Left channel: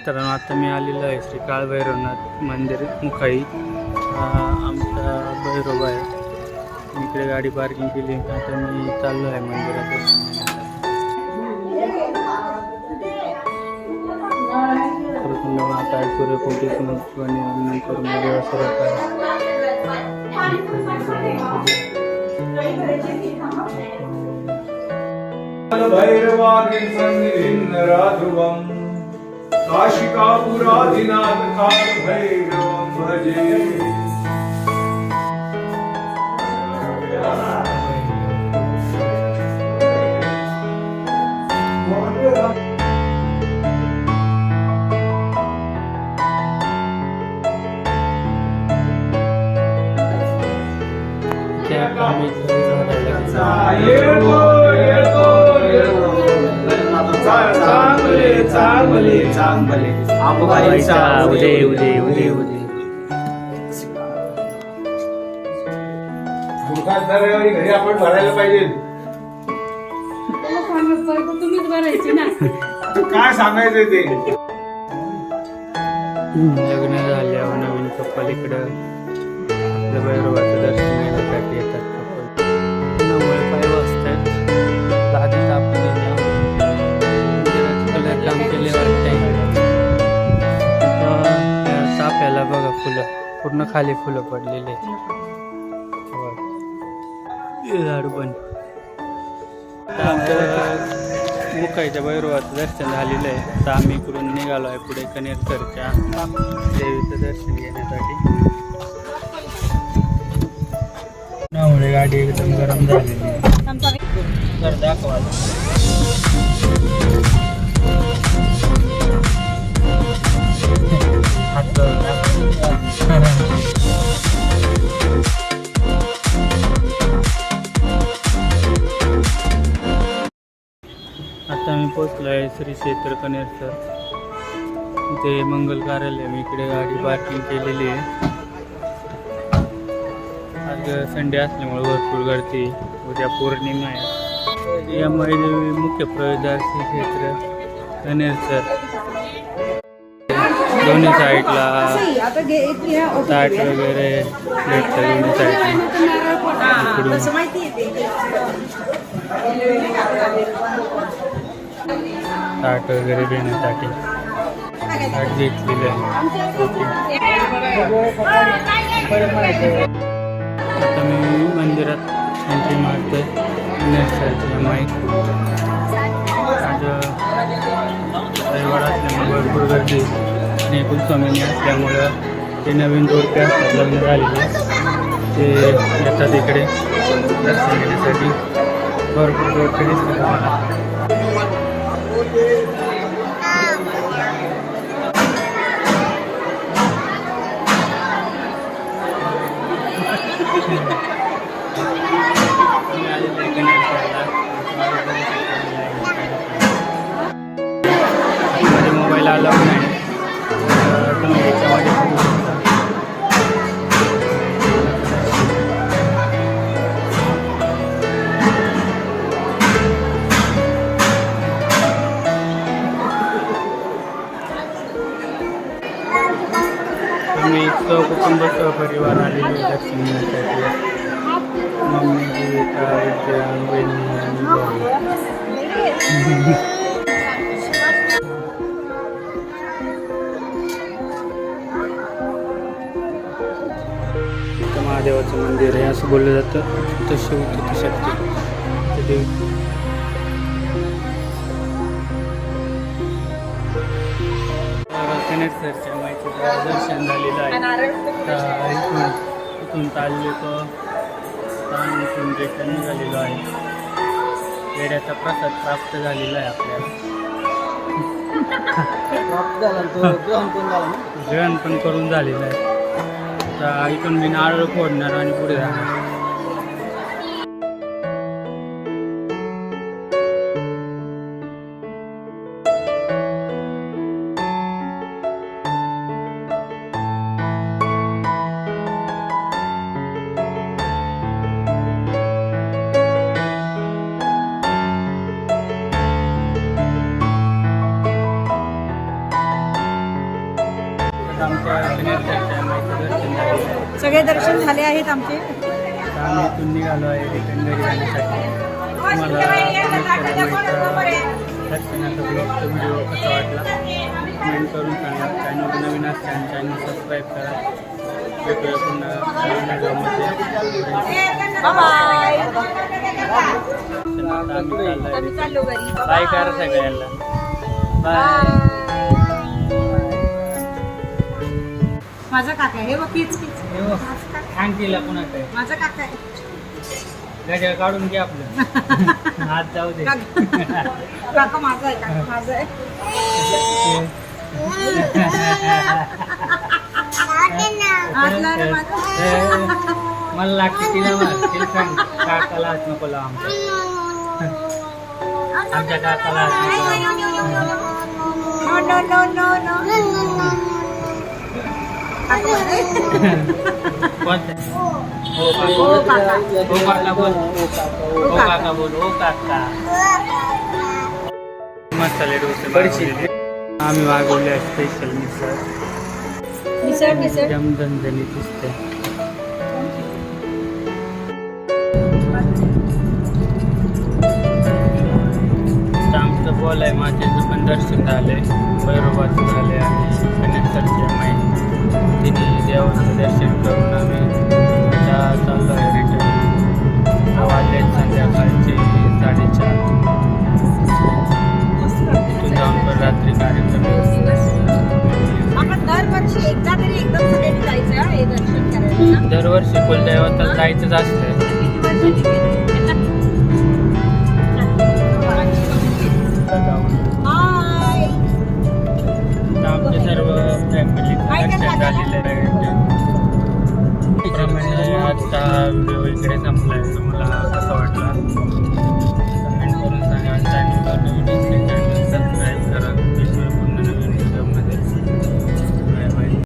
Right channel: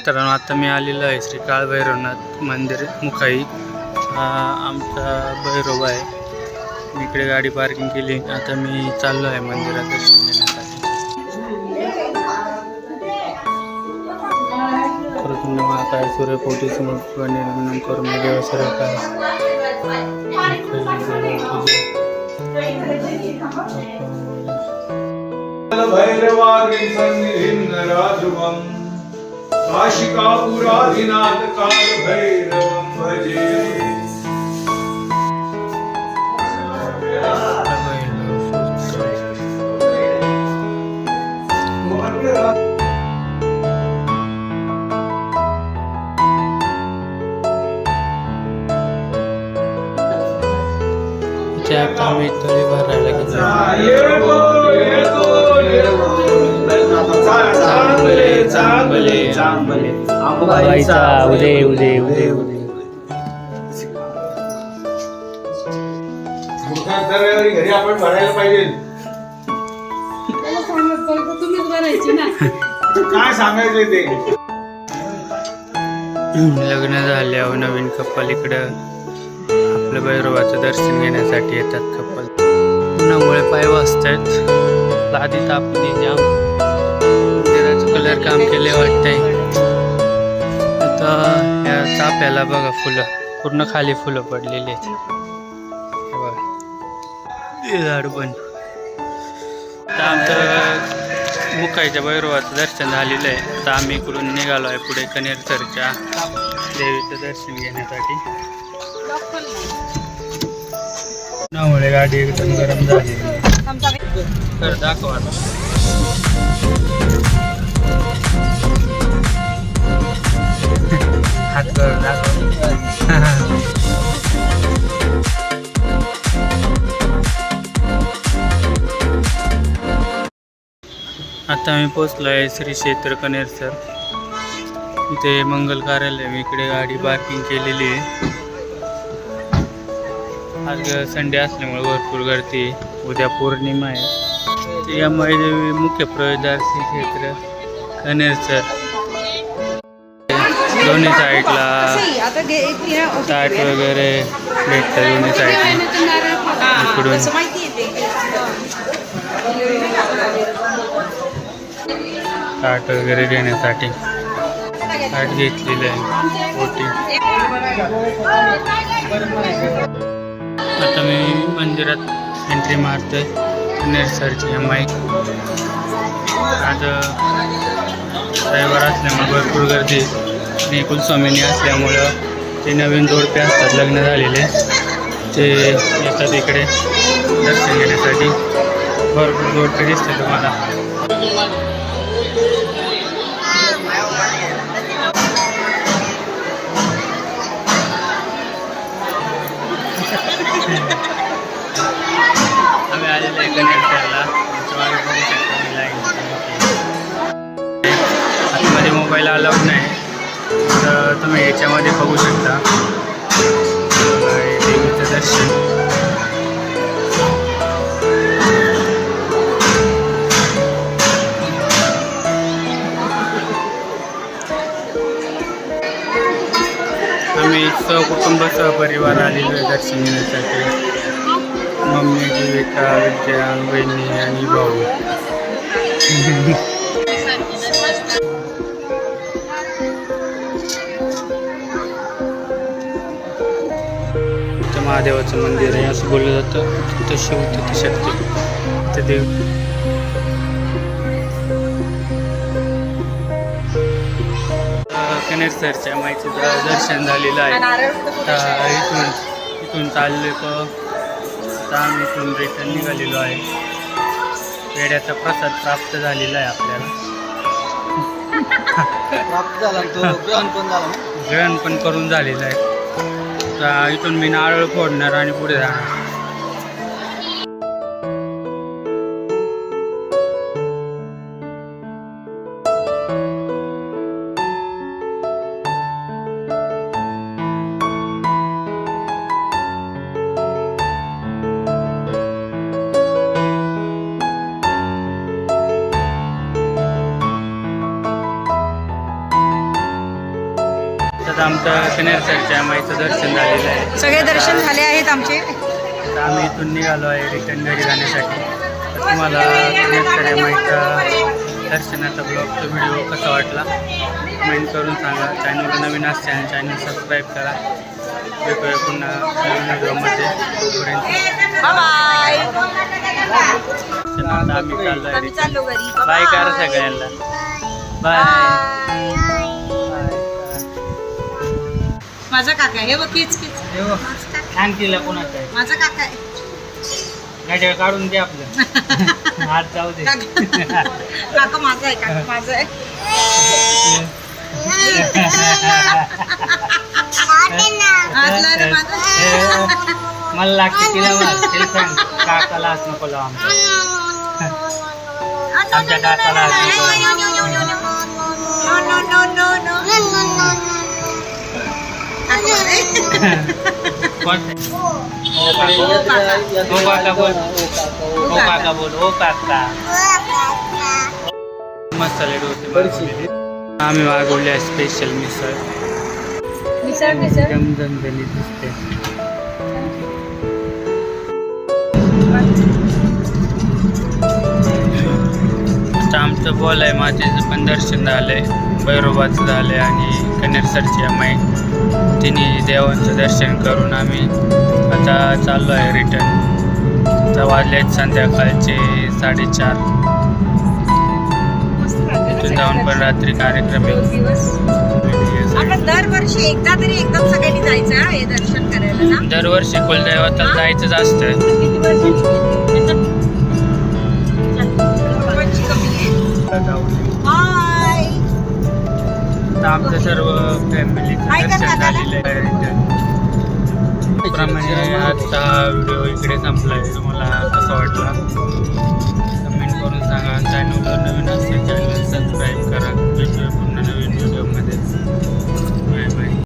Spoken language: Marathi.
मित्रांनो आता मी आलेलो आहे श्री काळभैरवनाथ मंदिर मुखाई. हा आमचा भैरव आहे. मी इकडे गाडी पार्किंग केली. आता मी चाललो आहे मंदिरात दर्शन घेण्यासाठी. खरकुंड महाकाय सूर्यकोटी समोर निर्माण करून देवा सर्व काय भैरवाग्नि सन्निधिं नराध्रुवम् काशिकापुराधिनाथ काल भैरवं भजे त्या आम्ही तळी भरायला उदे उदे उदे उदे मुखात दरवेळी घरी आपण भरायला पाहिजे त्याला सांगत तर तुम्हीच भरायची ना काय सांगायचंय ते? लग्न झाल्यावर नवीन कपल इकडं. आपलं भैरवाचं दर्शन घेण्यासाठी येतात कपल उन्हामुळे पाय वाजतायत. लादी तापली जाम कलर काम केले वाटतंय. आता या चाप्याला बघा फुलं. पूर्ण खाली फुलं पडलेली आहेत. बघा. झाड पण. आता आमचं मुकाईच्या भैरवाचं दर्शन झालेलं आहे. आता आम्ही इकडून निघालो आहे पुढे कनेरसरच्या देवीचं दर्शन घेण्यासाठी. उन्हामुळे गाडी एकदम गरम झालेली तर दाखवा हात करून आता मी पोचलो आहे श्री क्षेत्र कनेरसर इथे मंगल कार्यालय मी इकडे गाडी पार्किंग केलेली आहे. आज संडे असल्यामुळे भरपूर गर्दी उद्या पौर्णिमा आहे. यामुळे देवी मुख्य प्रवेशद्वार श्री क्षेत्र कनेरसर दोन्ही साईडला ताट वगैरे भेटतं दोन्ही साईडला इकडून. ताट वगैरे घेण्यासाठी ताट घेतलेलं आहे मोठी आता मी मंदिरात एंट्री मारतोय नेसरची एम आय आज रविवार असल्यामुळे भरपूर गर्दी श्री कुलस्वामिनी असल्यामुळं ते नवीन जोडपे असतात लग्न झालेले. ते येतात इकडे दर्शन घेण्यासाठी. भरपूर जोडपे दिसते तुम्हाला. आम्ही आलेलो आहे कनेक्टरला आतमध्ये मोबाईल अलाउड कुटुंब सहपरिवार आलेलो आहे दर्शन घेण्यासाठी मम्मी जीविका विद्या बहिणी आणि भाऊ. महादेवाचं मंदिर आहे असं बोललं जातं. तिथं शिव तिथे शक्ती तिथे देव. कनेरसरच्या माईचं द- दर्शन झालेलं आहे. आता इथून इथून चालले प आता आम्ही इथून रिटर्न निघालेलो आहे. पेड्याचा प्रसाद प्राप्त झालेला आहे आपल्याला. तो? ग्रहण पण करून झालेलं आहे. आता इथून मी नारळ फोडणार आणि पुढे जाणार. आता आमचं कनेरसरच्या माईचं दर्शन झालेलं आहे. सगळे दर्शन झाले आहेत आमचे? आता आम्ही इथून निघालो आहे रिटर्न घरी जाण्यासाठी. तर तुम्हाला कनेरसर या माईचा दर्शनाचा ब्लॉगचा व्हिडिओ कसा वाटला? कमेंट करून सांगा. चॅनलला नवीन असते चॅनल सबस्क्राईब करा. भेटूया पुन्हा नवीन व्हिडिओमध्ये तोपर्यंत आम्ही चाललो आहे बाय करा सगळ्यांना. बाय माझा काका आहे. हे बघ किच किच छान केला कोणाचं आहे. माझा काका आहे. गाड्या काढून घे आपलं. हात जाऊ दे. काका काका माझा आहे काका माझा आहे. हातला रे माझा. मला लागते तिला मार. सांग काकाला हात नको लावा आमच्या. आमच्या काकाला हात नको लावा. ओ काका बोल. ओ काका बोल ओ काका मसाले डोसे मागवलेले आम्ही मागवले स्पेशल मिसळ एकदम झणझणीत दिसते आहे मातेचं पण दर्शन झालंय भैरोबाचं झालंय आणि कनेरसरची माई तिन्ही देवांचं दर्शन करून आम्ही आता चाललो आहे रिटर्न आता वाजले आहेत संध्याकाळचे साडेचार. इथून जाऊन पण रात्री कार्यक्रम आहे. दरवर्षी एकदा तरी एकदम सगळ्यांनी जायचं हा, दर्शन करायला ना? दरवर्षी कुलदैवताला जायचंच असतं हाय आमचं सर्व फॅमिलीचं दर्शन झालेलं आहे प्रमाणे आजचा व्हिडिओ इकडे संपलाय. तुम्हाला कसा वाटला? कमेंट करून सांगा. चॅनलवर नवीन असल्याच्या